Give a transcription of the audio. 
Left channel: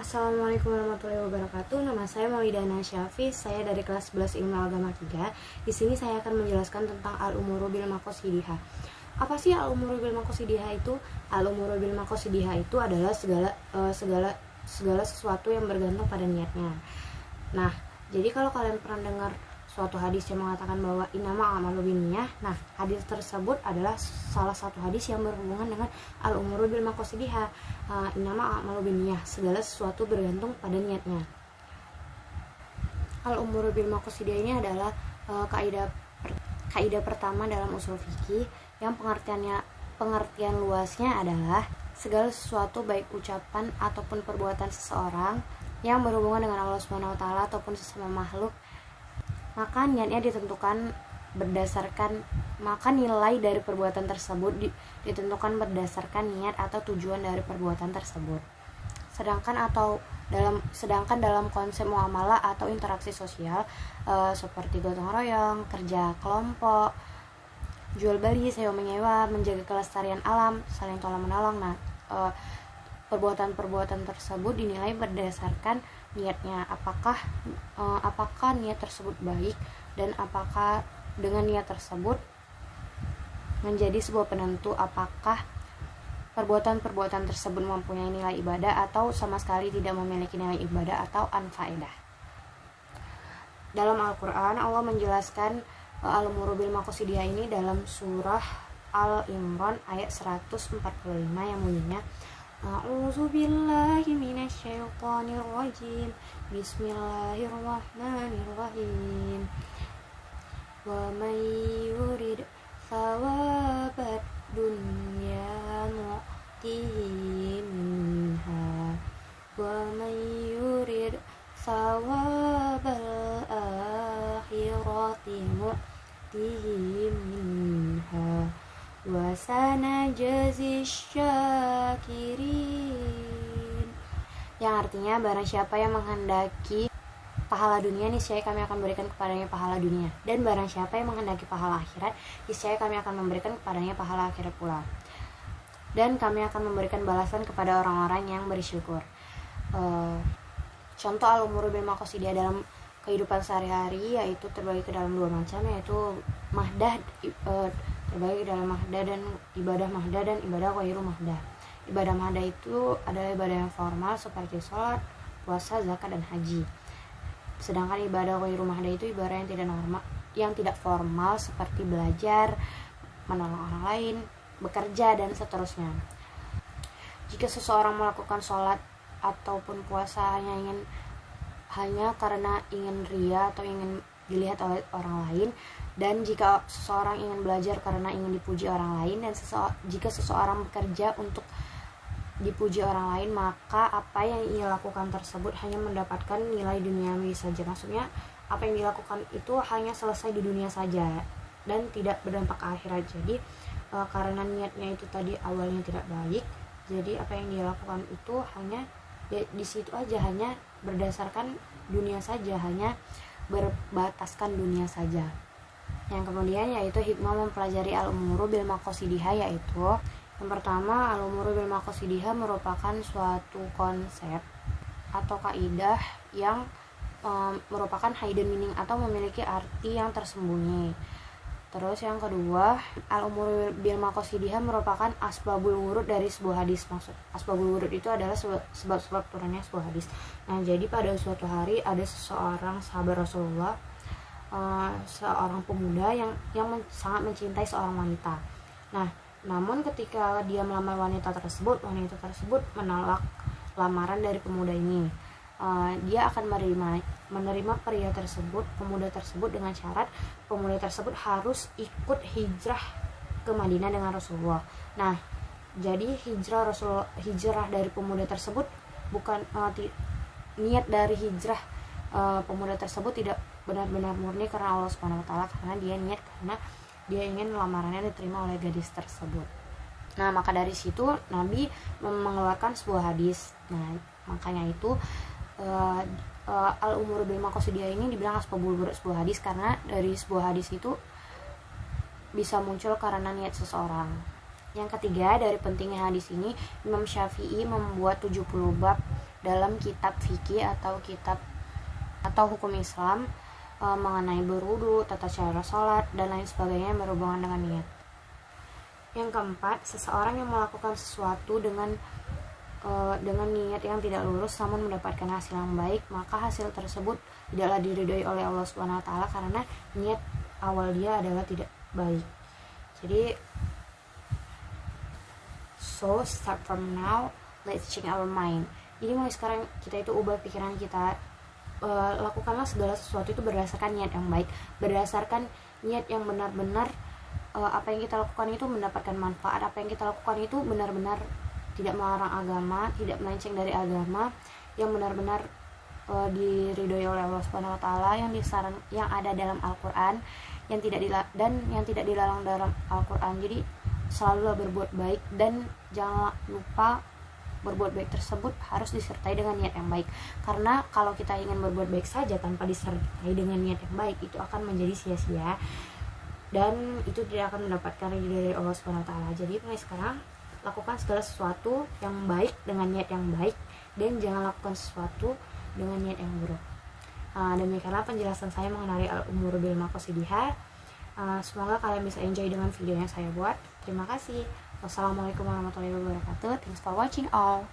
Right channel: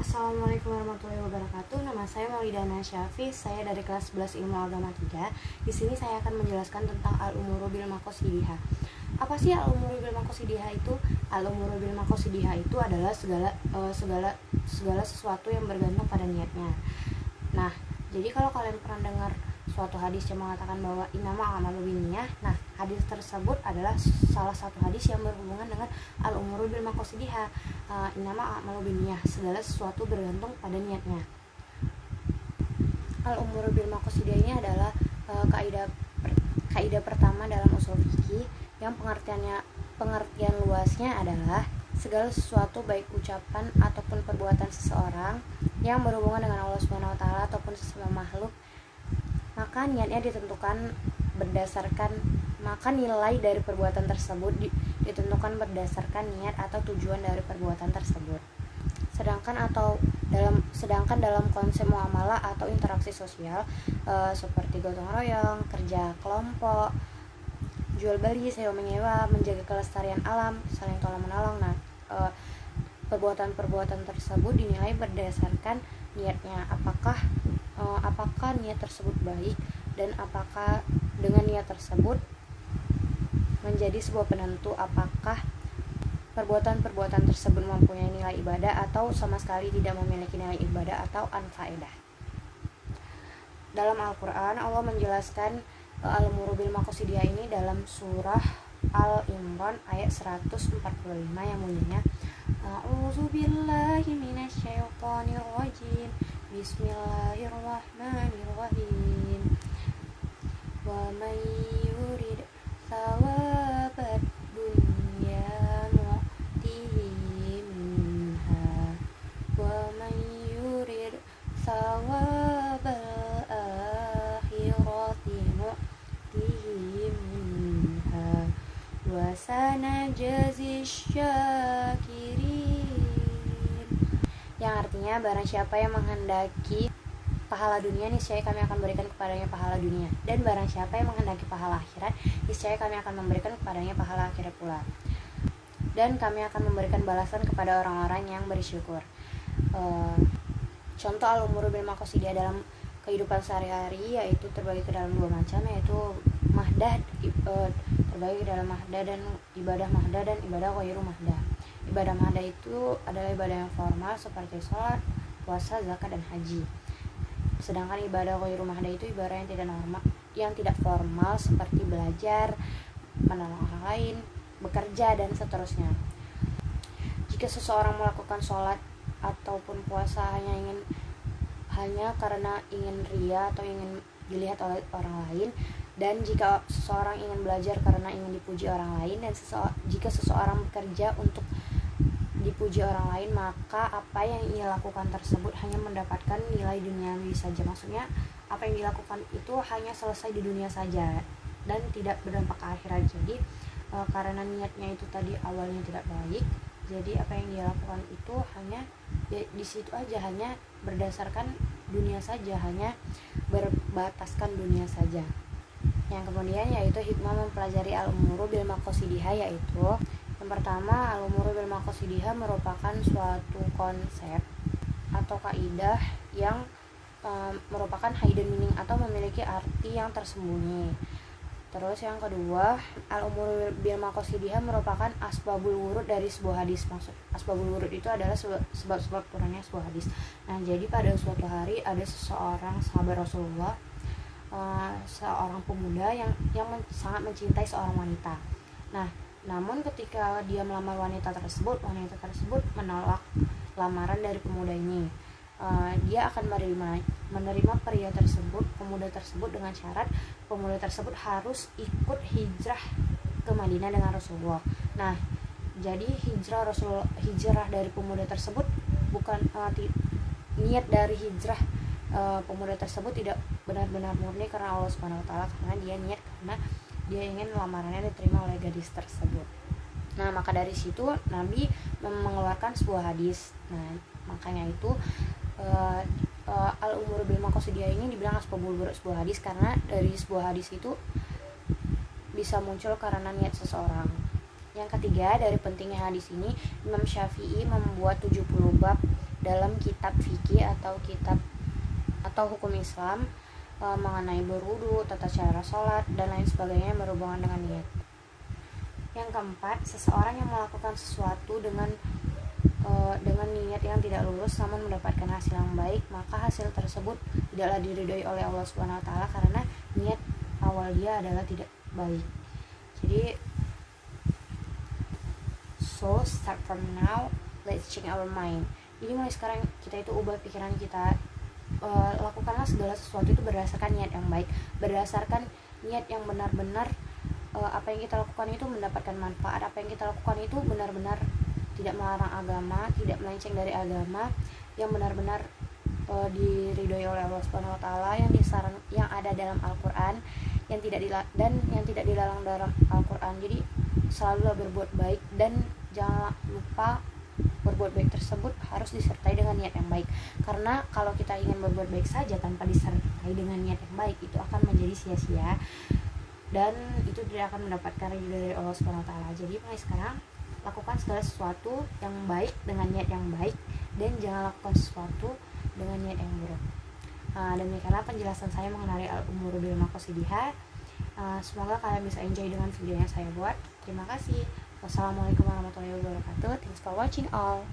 Assalamualaikum warahmatullahi wabarakatuh. Nama saya Maulidana Syafiq. Saya dari kelas 11 Ilmu Agama 3. Di sini saya akan menjelaskan tentang al-umuru bil maqasidihah. Apa sih al-umuru bil maqasidihah itu? Al-umuru bil maqasidihah itu adalah segala sesuatu yang bergantung pada niatnya. Nah, jadi kalau kalian pernah dengar suatu hadis yang mengatakan bahwa innama a'malu binniyah. Nah, hadis tersebut adalah salah satu hadis yang berhubungan dengan al-umuru bil maqasidihah. Innama a'malu binniyah, segala sesuatu bergantung pada niatnya. Al-umuru bil maqasidihah ini adalah kaidah pertama dalam usul fikih yang pengertian luasnya adalah segala sesuatu baik ucapan ataupun perbuatan seseorang yang berhubungan dengan Allah Subhanahu wa taala ataupun sesama makhluk, maka niatnya ditentukan berdasarkan nilai dari perbuatan tersebut ditentukan berdasarkan niat atau tujuan dari perbuatan tersebut. Sedangkan dalam konsep muamalah atau interaksi sosial seperti gotong royong, kerja kelompok, jual beli, sewa menyewa, menjaga kelestarian alam, saling tolong menolong. Nah, perbuatan-perbuatan tersebut dinilai berdasarkan niatnya, apakah niat tersebut baik dan apakah dengan niat tersebut menjadi sebuah penentu apakah perbuatan-perbuatan tersebut mempunyai nilai ibadah atau sama sekali tidak memiliki nilai ibadah atau anfaedah. Dalam Al-Quran Allah menjelaskan al-umuru bil maqasidihah ini dalam surah Al-Imran ayat 145 yang bunyinya A'udzubillahi minasyaitonir rajim. Bismillahirrahmanirrahim. Wa may yurid thawabad dunya nu'tihi minha wa may yurid thawabal akhirati nu'tihi minha wa sanajzi syakirin, yang artinya barang siapa yang menghendaki pahala dunia, niscaya kami akan berikan kepadanya pahala dunia, dan barang siapa yang menghendaki pahala akhirat, niscaya kami akan memberikan kepadanya pahala akhirat pula, dan kami akan memberikan balasan kepada orang-orang yang bersyukur. Contoh al-umuru bil maqasidihah dalam kehidupan sehari-hari yaitu terbagi ke dalam dua macam, yaitu mahdah, terbagi dalam mahdah dan ibadah mahdah dan ibadah ghairu mahdah. Ibadah mahdah itu adalah ibadah yang formal seperti sholat, puasa, zakat, dan haji. Sedangkan ibadah ghairu mahdah itu ibadah yang tidak formal seperti belajar, menolong orang lain, bekerja, dan seterusnya. Jika seseorang melakukan sholat ataupun puasa hanya karena ingin ria atau ingin dilihat oleh orang lain, dan jika seseorang ingin belajar karena ingin dipuji orang lain, dan jika seseorang bekerja untuk dipuji orang lain, maka apa yang ia lakukan tersebut hanya mendapatkan nilai duniawi saja. Maksudnya apa yang dilakukan itu hanya selesai di dunia saja dan tidak berdampak ke akhirat. Jadi karena niatnya itu tadi awalnya tidak baik, jadi apa yang dia lakukan itu hanya di situ aja, hanya berdasarkan dunia saja, hanya berbataskan dunia saja. Yang kemudian yaitu hikmah mempelajari al-umuru bil maqasidihah, yaitu yang pertama, al-umuru bil maqasidihah merupakan suatu konsep atau kaidah yang merupakan hidden meaning atau memiliki arti yang tersembunyi. Terus yang kedua, al-umuru bil maqasidihah merupakan asbabul wurud dari sebuah hadis. Maksud asbabul wurud itu adalah sebab-sebab turunnya sebuah hadis. Nah, jadi pada suatu hari ada seseorang sahabat Rasulullah, seorang pemuda yang sangat mencintai seorang wanita. Nah, namun ketika dia melamar wanita tersebut menolak lamaran dari pemuda ini. Dia akan menerima pemuda tersebut dengan syarat pemuda tersebut harus ikut hijrah ke Madinah dengan Rasulullah. Nah, jadi hijrah dari pemuda tersebut bukan niat dari hijrah pemuda tersebut tidak benar-benar murni karena Allah Subhanahu wa taala, karena dia niat karena dia ingin lamarannya diterima oleh gadis tersebut. Nah, maka dari situ Nabi mengeluarkan sebuah hadis. Nah, makanya itu al-umuru bil maqasidihah ini dibilang asbabul wurud sebuah hadis, karena dari sebuah hadis itu bisa muncul karena niat seseorang. Yang ketiga, dari pentingnya hadis ini, Imam Syafi'i membuat 70 bab dalam kitab fikih atau hukum Islam mengenai berwudu, tata cara sholat, dan lain sebagainya yang berhubungan dengan niat. Yang keempat, seseorang yang melakukan sesuatu dengan niat yang tidak lurus namun mendapatkan hasil yang baik, maka hasil tersebut tidaklah diridhoi oleh Allah Subhanahu wa taala karena niat awal dia adalah tidak baik. Jadi so start from now, let's change our mind. Jadi mulai sekarang kita itu ubah pikiran kita. Lakukanlah segala sesuatu itu berdasarkan niat yang baik, berdasarkan niat yang benar-benar apa yang kita lakukan itu mendapatkan manfaat, apa yang kita lakukan itu benar-benar tidak melarang agama, tidak melenceng dari agama, yang benar-benar diridhoi oleh Allah Subhanahu wa taala, yang ada dalam Al-Qur'an, yang tidak dilarang dalam Al-Qur'an. Jadi selalulah berbuat baik, dan jangan lupa berbuat baik tersebut harus disertai dengan niat yang baik. Karena kalau kita ingin berbuat baik saja tanpa disertai dengan niat yang baik, itu akan menjadi sia-sia dan itu tidak akan mendapatkan ridho dari Allah Subhanahu wa taala. Jadi mulai sekarang lakukan segala sesuatu yang baik dengan niat yang baik, dan jangan lakukan sesuatu dengan niat yang buruk. Demikianlah penjelasan saya mengenai al-umuru bil maqasidihah. Semoga kalian bisa enjoy dengan video yang saya buat. Terima kasih. Wassalamualaikum warahmatullahi wabarakatuh. Thanks for watching all.